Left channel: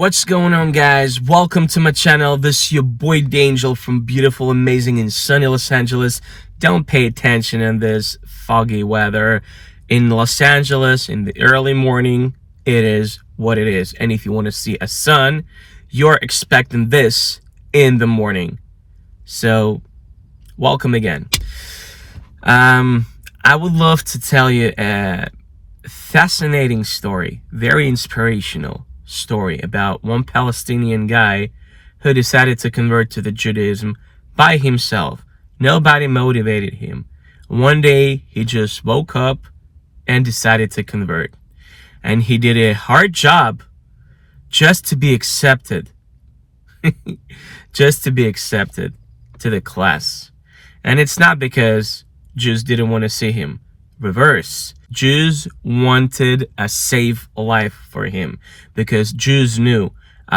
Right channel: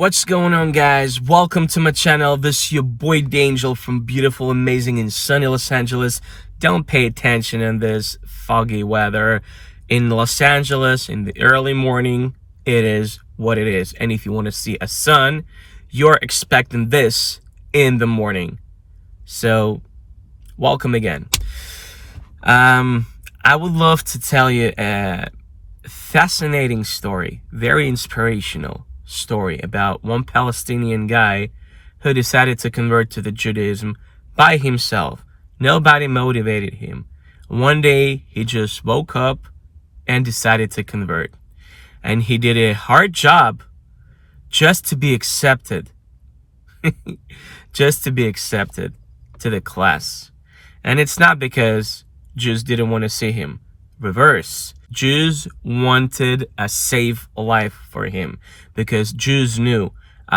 What's going on, guys? Welcome to my channel. This is your boy D'Angel from beautiful, amazing, and sunny Los Angeles. Don't pay attention in this foggy weather. In Los Angeles, in the early morning, it is what it is. And if you want to see a sun, you're expecting this in the morning. So, welcome again. I would love to tell you a fascinating story, very inspirational story about one Palestinian guy who decided to convert to the Judaism by himself. Nobody motivated him. One day he just woke up and decided to convert. And he did a hard job just to be accepted. Just to be accepted to the class. And it's not because Jews didn't want to see him. Reverse. Jews wanted a safe life for him because Jews knew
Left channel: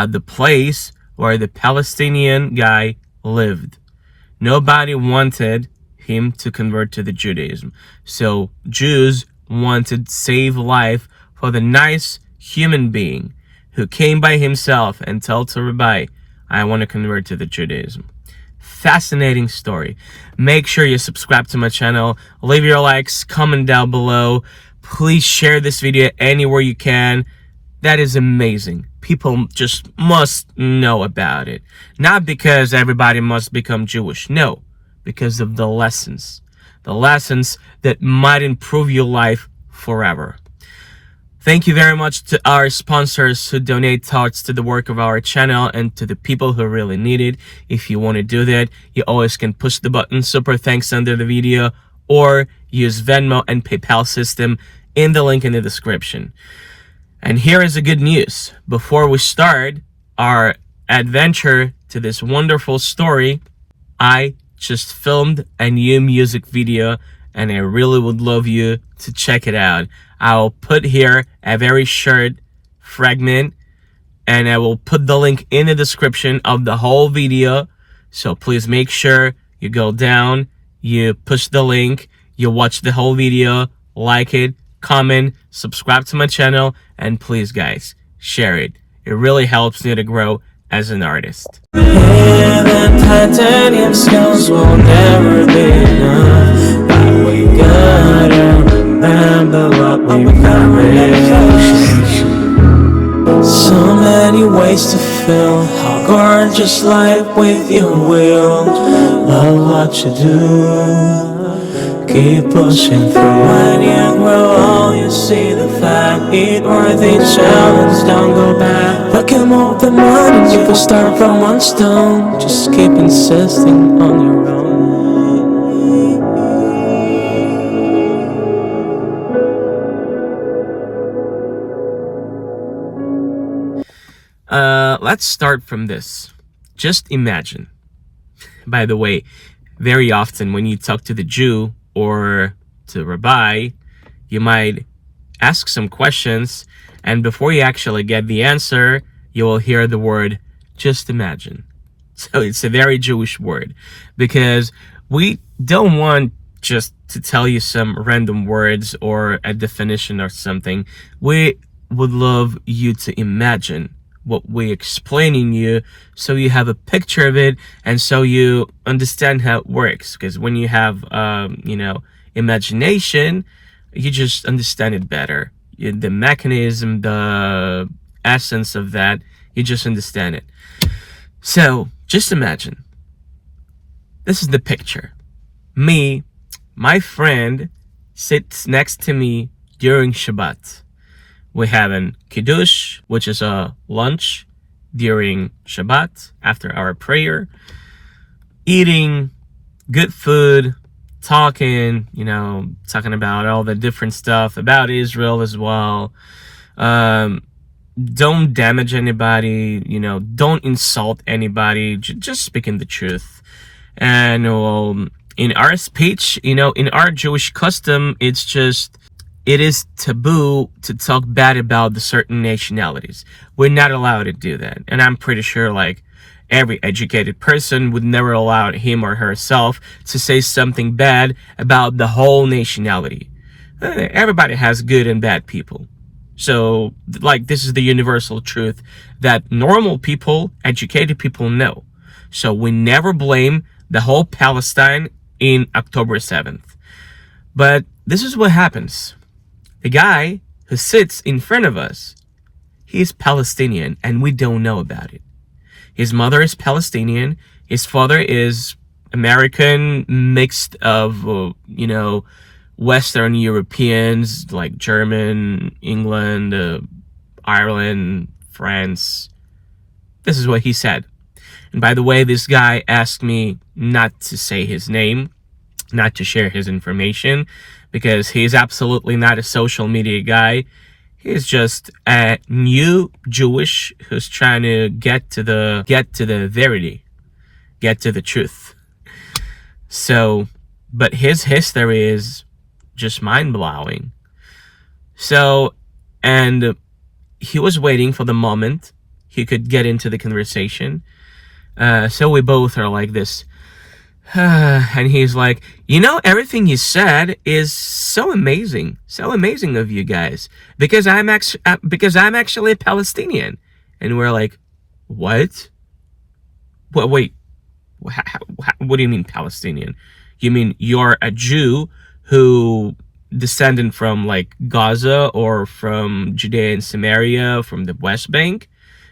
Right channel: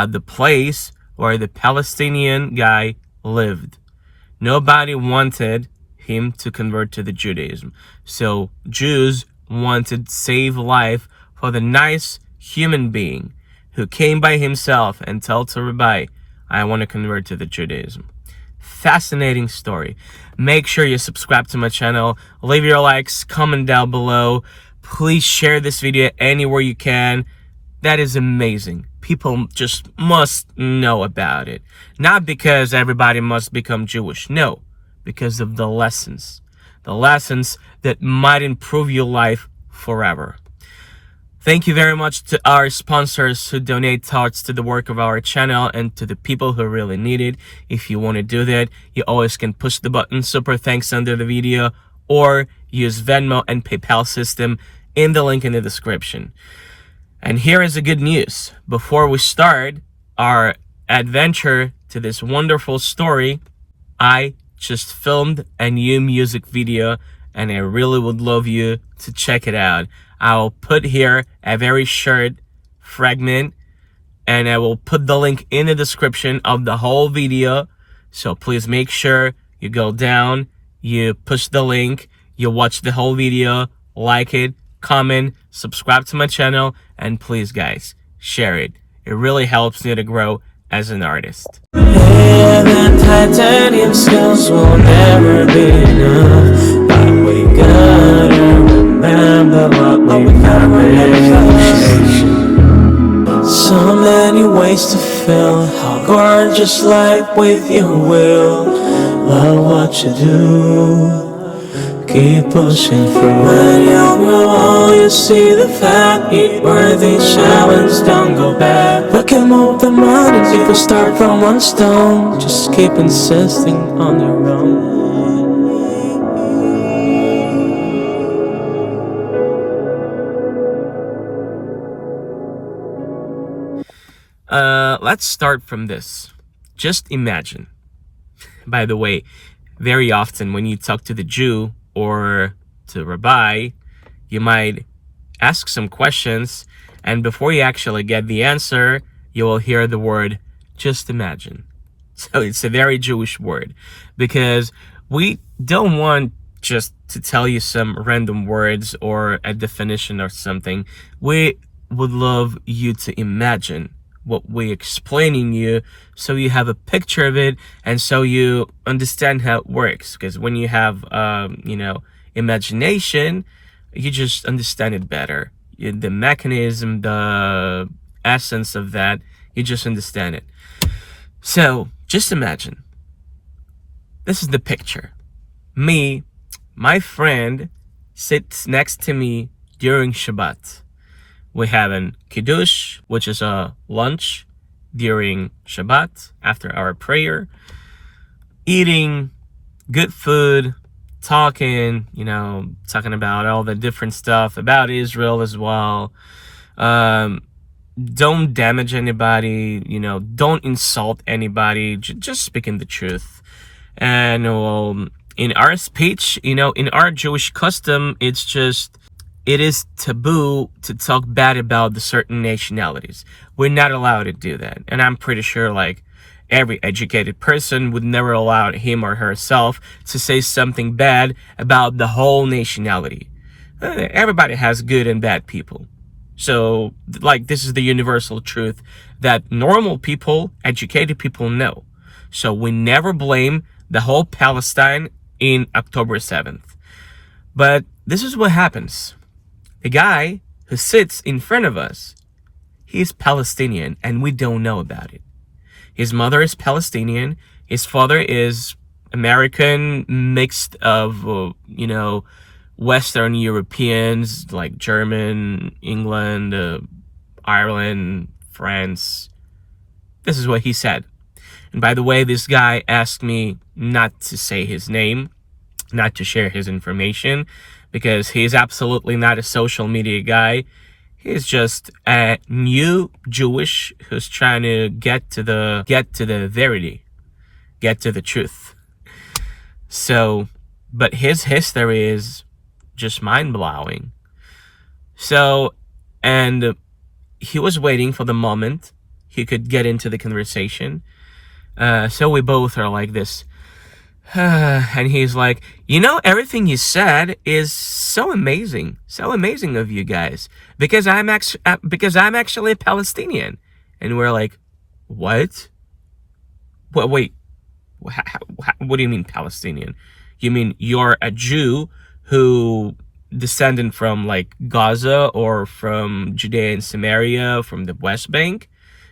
the place where the Palestinian guy lived. Nobody wanted him to convert to the Judaism. So Jews wanted safe life for the nice human being who came by himself and told to Rabbi, I want to convert to the Judaism. Fascinating story. Make sure you subscribe to my channel, leave your likes, comment down below. Please share this video anywhere you can. That is amazing. People just must know about it. Not because everybody must become Jewish. No, because of the lessons. The lessons that might improve your life forever. Thank you very much to our sponsors who donate thoughts to the work of our channel and to the people who really need it. If you want to do that, you always can push the button super thanks under the video or use Venmo and PayPal system in the link in the description. And here is the good news. Before we start our adventure to this wonderful story, I just filmed a new music video and I really would love you to check it out. I'll put here a very short fragment and I will put the link in the description of the whole video. So please make sure you go down, you push the link, you watch the whole video, like it, comment, subscribe to my channel, and please guys, share it. It really helps me to grow as an artist. Yeah, the titanium skills will never be enough, but we gotta remember what we made. So many ways to feel how gorgeous life with your will. Love what you do, keep pushing through. When you grow old, you see the fact, eat worthy challenge, don't go back. But can move the mountains, you can start from one stone. Just keep insisting on your own. Let's start from this. Just imagine. By the way, very often when you talk to the Jew or to Rabbi, you might ask some questions, and before you actually get the answer, you will hear the word, just imagine. So it's a very Jewish word, because we don't want just to tell you some random words or a definition or something. We would love you to imagine what we're explaining you, so you have a picture of it and so you understand how it works. Because when you have imagination, you just understand it better. The mechanism, the essence of that, you just understand it. So just imagine, this is the picture. Me, my friend sits next to me during Shabbat. We have an kiddush, which is a lunch during Shabbat after our prayer, eating good food, talking about all the different stuff about Israel as well. Don't damage anybody, don't insult anybody, just speaking the truth. And in our speech, in our Jewish custom, it is taboo to talk bad about the certain nationalities. We're not allowed to do that. And I'm pretty sure every educated person would never allow him or herself to say something bad about the whole nationality. Everybody has good and bad people. So, like, this is the universal truth that normal people, educated people know. So we never blame the whole Palestine in October 7th. But this is what happens. The guy who sits in front of us, he's Palestinian, and we don't know about it. His mother is Palestinian. His father is American, mixed of, Western Europeans, like German, England, Ireland, France. This is what he said. And by the way, this guy asked me not to say his name, not to share his information, because he's absolutely not a social media guy. He's just a new Jewish who's trying to get to the verity, get to the truth. So, but his history is just mind-blowing. So, and he was waiting for the moment he could get into the conversation. So we both are like this. And he's like, everything you said is so amazing of you guys, because I'm actually a Palestinian. And we're like, what? Wait, what do you mean Palestinian? You mean you're a Jew who descended from like Gaza or from Judea and Samaria, from the West Bank?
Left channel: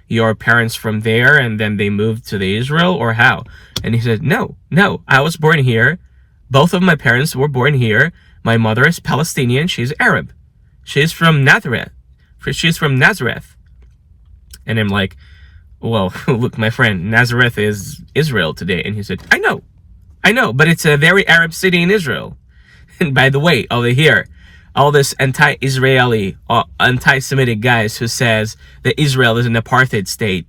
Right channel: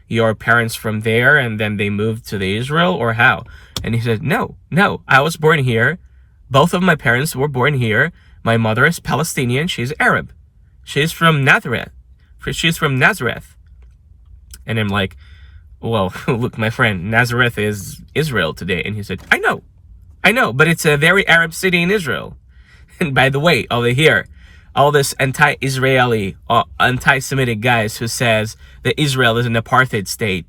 Your parents from there and then they moved to the Israel, or how? And he said, no, I was born here. Both of my parents were born here. My mother is Palestinian. She's Arab. She's from Nazareth. And I'm like, well, look, my friend, Nazareth is Israel today. And he said, I know, but it's a very Arab city in Israel. And by the way, over here, all this anti-Israeli, anti-Semitic guys who says that Israel is an apartheid state.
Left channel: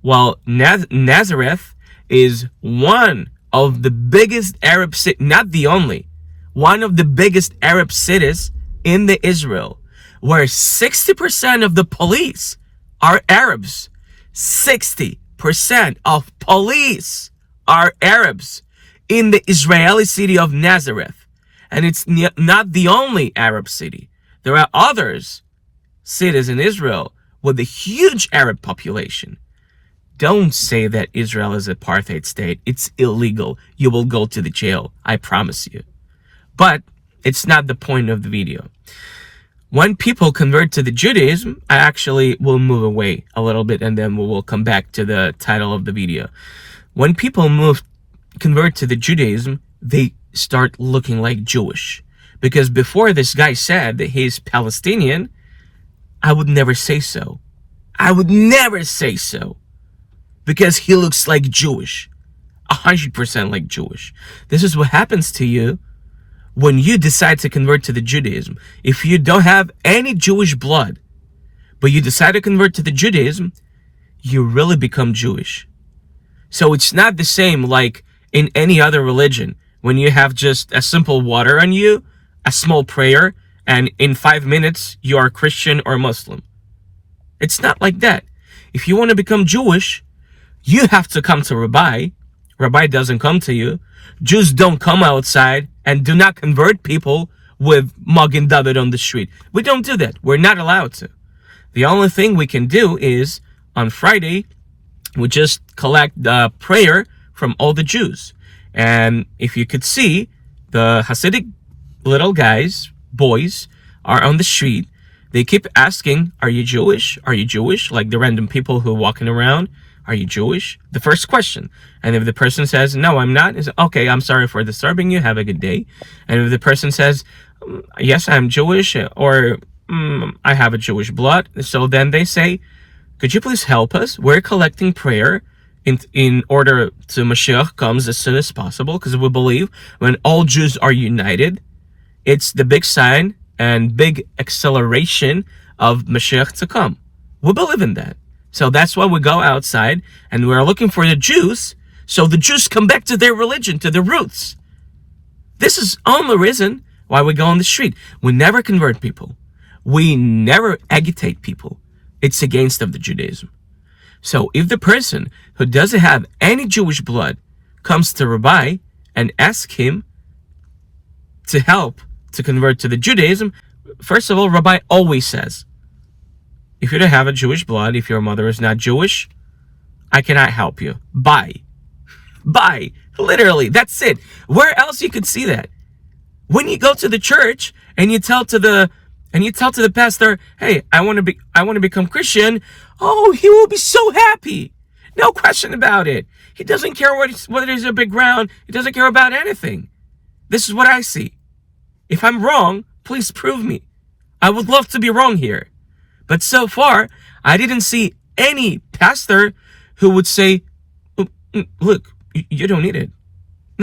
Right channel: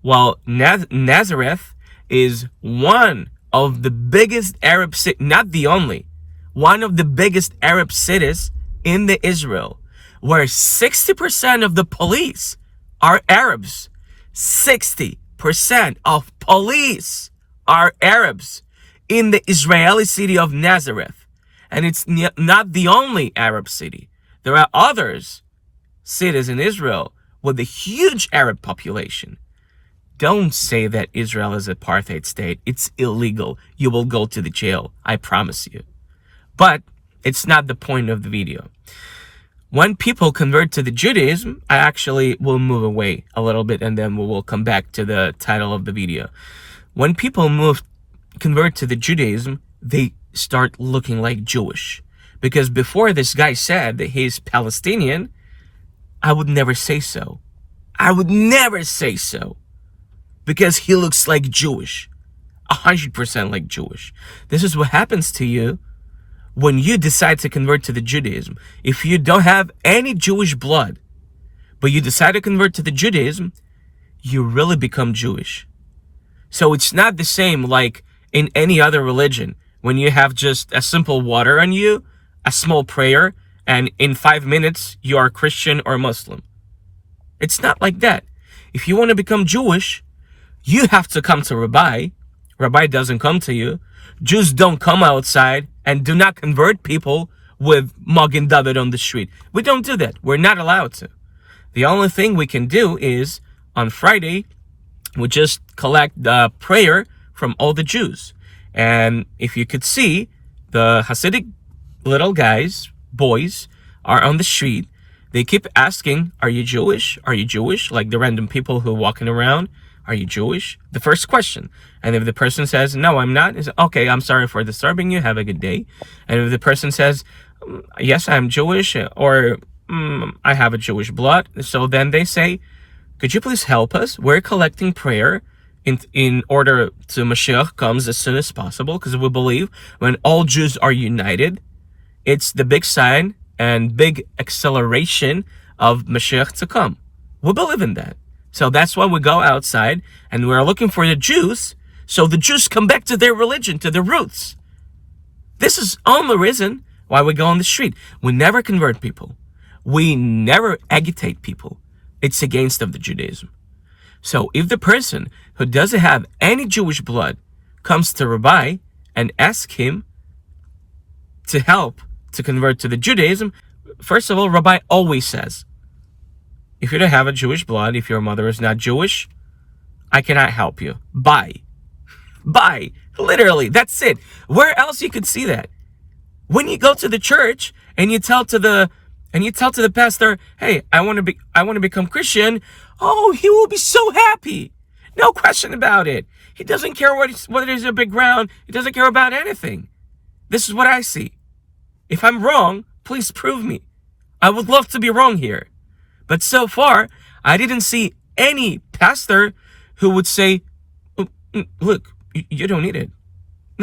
Well, Nazareth is one of the biggest Arab cities, not the only, one of the biggest Arab cities in the Israel, where 60% of the police are Arabs. 60% of police are Arabs in the Israeli city of Nazareth. And it's not the only Arab city. There are others, cities in Israel with a huge Arab population. Don't say that Israel is an apartheid state. It's illegal. You will go to the jail. I promise you. But it's not the point of the video. When people convert to the Judaism, I actually will move away a little bit and then we will come back to the title of the video. When people convert to the Judaism, they start looking like Jewish. Because before this guy said that he's Palestinian, I would never say so. Because he looks like Jewish. 100% like Jewish. This is what happens to you when you decide to convert to the Judaism. If you don't have any Jewish blood, but you decide to convert to the Judaism, you really become Jewish. So it's not the same like in any other religion. When you have just a simple water on you, a small prayer, and in 5 minutes, you are Christian or Muslim. It's not like that. If you want to become Jewish, you have to come to Rabbi. Rabbi doesn't come to you. Jews don't come outside and do not convert people with Magen David on the street. We don't do that. We're not allowed to. The only thing we can do is, on Friday, we just collect the prayer from all the Jews. And if you could see, the Hasidic little guys, boys, are on the street. They keep asking, are you Jewish? Are you Jewish? Like the random people who are walking around. Are you Jewish? The first question. And if the person says, no, I'm not, it's okay, I'm sorry for disturbing you. Have a good day. And if the person says, yes, I'm Jewish, or I have a Jewish blood. So then they say, could you please help us? We're collecting prayer in order to Mashiach comes as soon as possible, because we believe when all Jews are united, it's the big sign and big acceleration of Mashiach to come. We believe in that. So that's why we go outside and we're looking for the Jews, so the Jews come back to their religion, to their roots. This is only reason why we go on the street. We never convert people. We never agitate people. It's against of the Judaism. So if the person who doesn't have any Jewish blood comes to Rabbi and asks him to help to convert to the Judaism, first of all, Rabbi always says, If you don't have a Jewish blood, if your mother is not Jewish, I cannot help you. Bye. Bye. Literally, that's it. Where else you could see that? When you go to the church and you tell to the pastor, "Hey, I want to become Christian," oh, he will be so happy. No question about it. He doesn't care whether there's a big ground. He doesn't care about anything. This is what I see. If I'm wrong, please prove me. I would love to be wrong here. But so far, I didn't see any pastor who would say, "Look, you don't need it.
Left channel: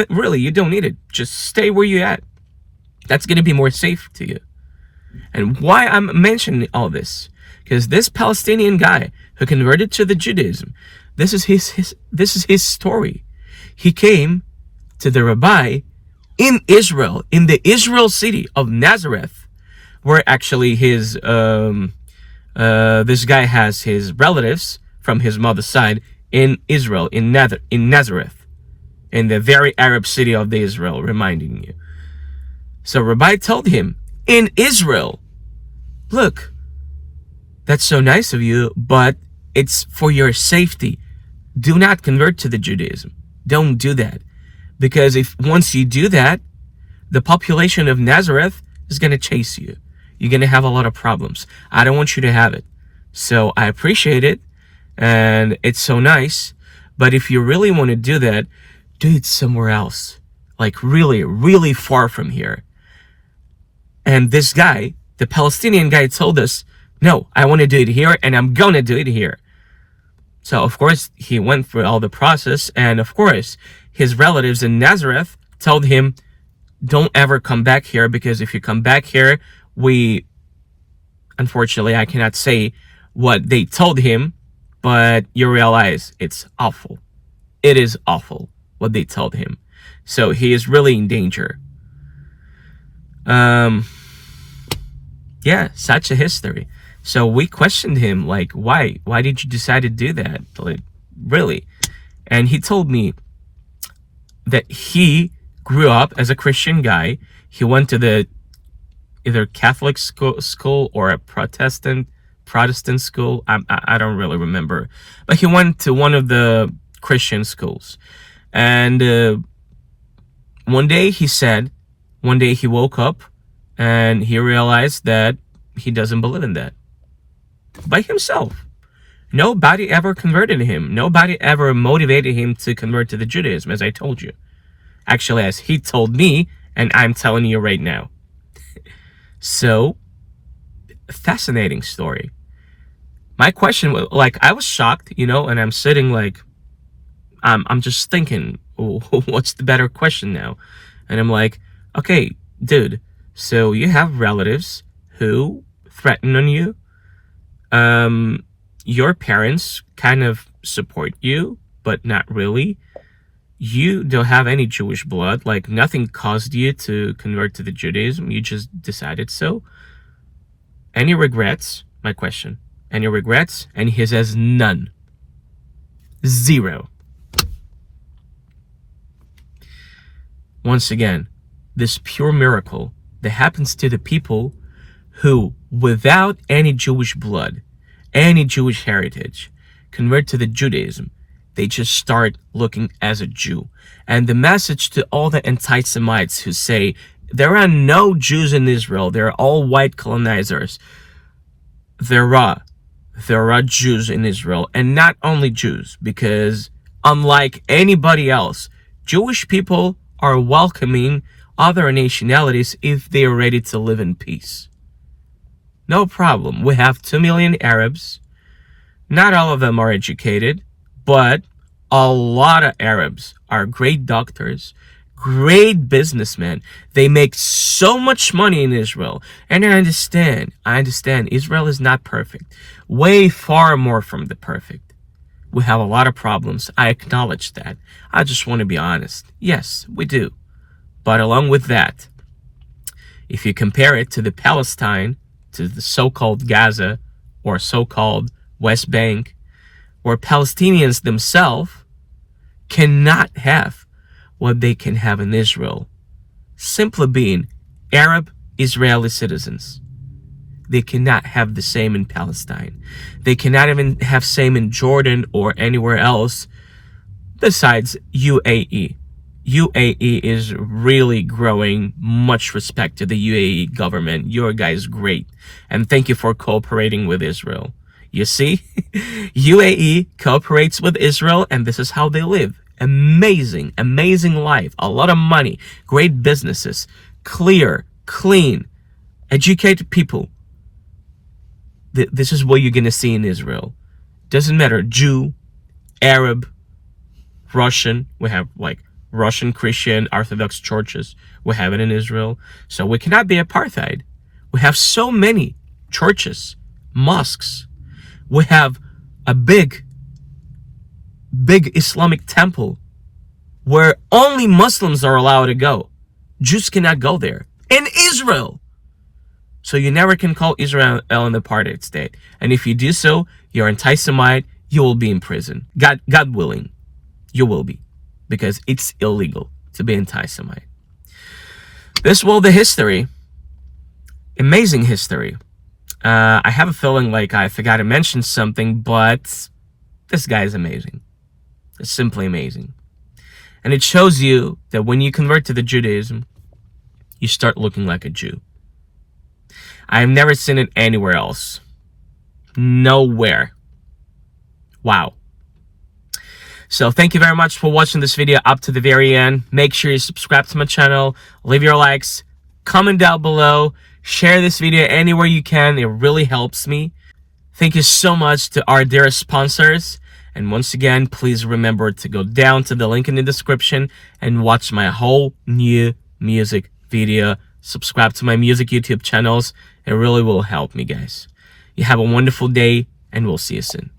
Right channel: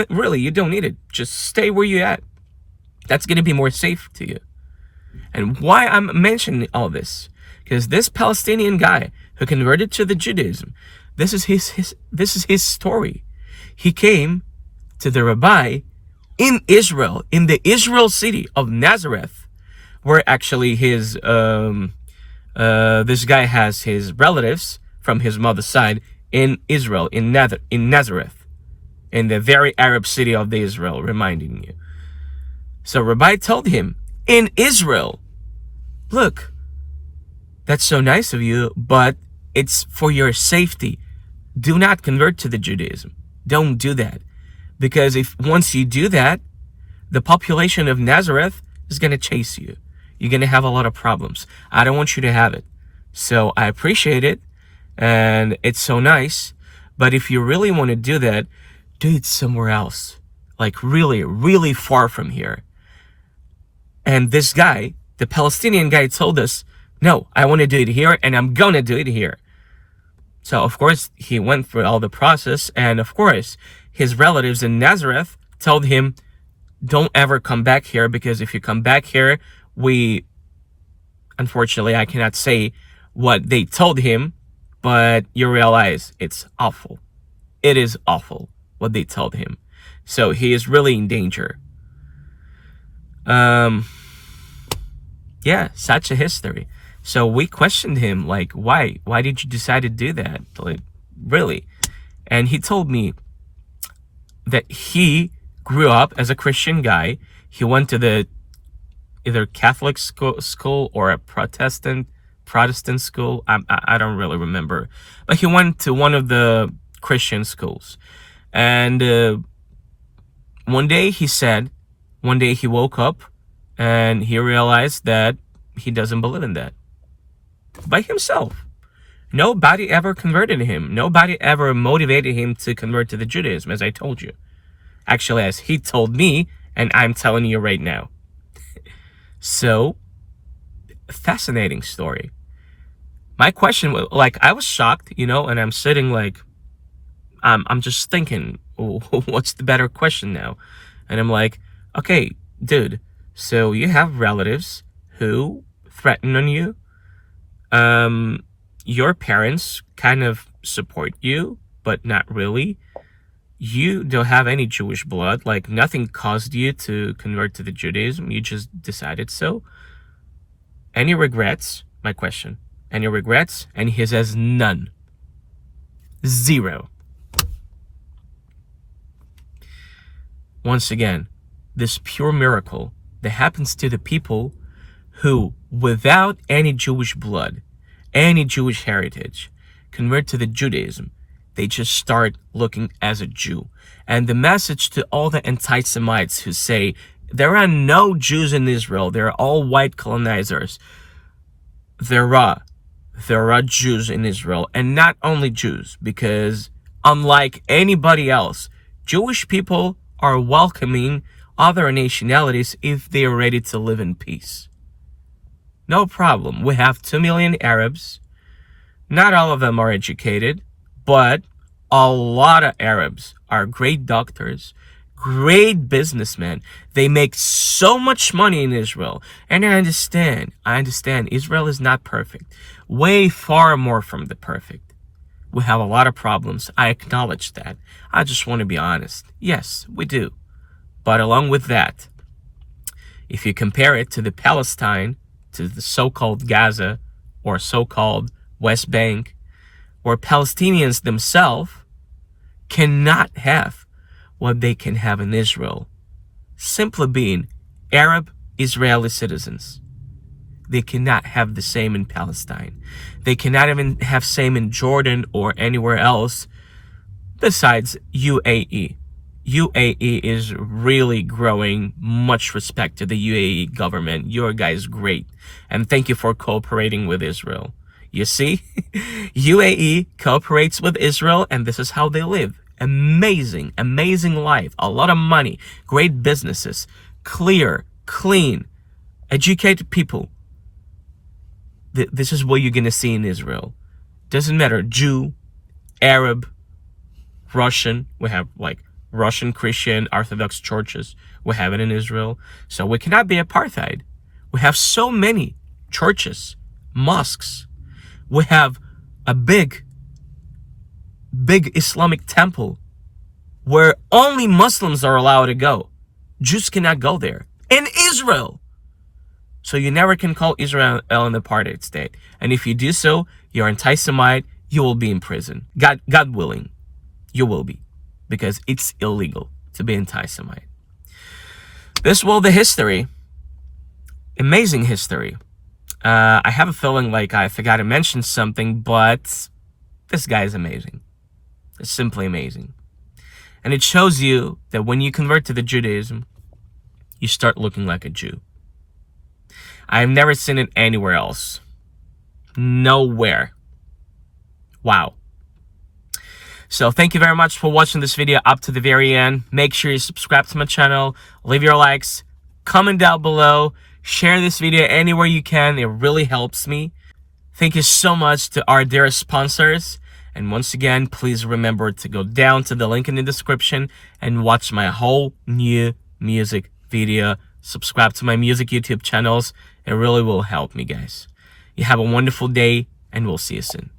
Really, you don't need it. Just stay where you're at. That's going to be more safe to you." And why I'm mentioning all this, because this Palestinian guy who converted to the Judaism, this is his story. He came to the rabbi in Israel, in the Israel city of Nazareth, where actually this guy has his relatives from his mother's side in Israel, in Nazareth, in the very Arab city of the Israel, reminding you. So Rabbi told him, in Israel, "Look, that's so nice of you, but it's for your safety. Do not convert to the Judaism. Don't do that. Because if once you do that, the population of Nazareth is going to chase you. You're going to have a lot of problems. I don't want you to have it. So I appreciate it, and it's so nice. But if you really want to do that, do it somewhere else. Like really, really far from here." And this guy, the Palestinian guy, told us, "No, I want to do it here, and I'm going to do it here." So, of course, he went through all the process. And, of course, his relatives in Nazareth told him, "Don't ever come back here, because if you come back here, unfortunately, I cannot say what they told him, but you realize it's awful. It is awful what they told him. So he is really in danger." Yeah, such a history. So we questioned him, like, why did you decide to do that? Like, really? And he told me that he grew up as a Christian guy. He went to the either Catholic school or a Protestant school. I don't really remember, but he went to one of the Christian schools. And one day he woke up and he realized that he doesn't believe in that. By himself. Nobody ever converted him. Nobody ever motivated him to convert to the Judaism, as I told you. Actually, as he told me, and I'm telling you right now. So, fascinating story. My question was, like, I was shocked, and I'm sitting like, I'm just thinking, what's the better question now? And I'm like, okay, dude, so you have relatives who threaten on you. Your parents kind of support you, but not really. You don't have any Jewish blood. Like, nothing caused you to convert to the Judaism. You just decided so. Any regrets? My question. Any regrets? And he says none. Zero. Once again, this pure miracle that happens to the people who, without any Jewish blood, any Jewish heritage, convert to the Judaism, they just start looking as a Jew. And the message to all the anti-Semites who say, there are no Jews in Israel, they're all white colonizers. There are Jews in Israel, and not only Jews, because unlike anybody else, Jewish people are welcoming other nationalities if they are ready to live in peace. No problem. We have 2 million Arabs. Not all of them are educated, but a lot of Arabs are great doctors, great businessmen. They make so much money in Israel. And I understand Israel is not perfect. Way far more from the perfect. We have a lot of problems. I acknowledge that. I just want to be honest. Yes, we do. But along with that, if you compare it to the Palestine, to the so-called Gaza or so-called West Bank, where Palestinians themselves cannot have what they can have in Israel, simply being Arab Israeli citizens. They cannot have the same in Palestine. They cannot even have same in Jordan or anywhere else besides UAE. UAE is really growing. Much respect to the UAE government. Your guys great. And thank you for cooperating with Israel. You see, UAE cooperates with Israel, and this is how they live. Amazing, amazing life. A lot of money, great businesses, clear, clean, educated people. This is what you're going to see in Israel. Doesn't matter, Jew, Arab, Russian. We have like Russian Christian Orthodox churches. We have it in Israel. So we cannot be apartheid. We have so many churches, mosques. We have a big Islamic temple where only Muslims are allowed to go. Jews cannot go there. In Israel! So you never can call Israel an apartheid state. And if you do so, you're anti-Semite, you will be in prison. God willing, you will be. Because it's illegal to be anti-Semite. This was the history. Amazing history. I have a feeling like I forgot to mention something, but this guy is amazing. It's simply amazing. And it shows you that when you convert to the Judaism, you start looking like a Jew. I have never seen it anywhere else. Nowhere. Wow. So thank you very much for watching this video up to the very end. Make sure you subscribe to my channel, leave your likes, comment down below, share this video anywhere you can. It really helps me. Thank you so much to our dearest sponsors. And once again, please remember to go down to the link in the description and watch my whole new music video. Subscribe to my music YouTube channels. It really will help me, guys. You have a wonderful day, and we'll see you soon.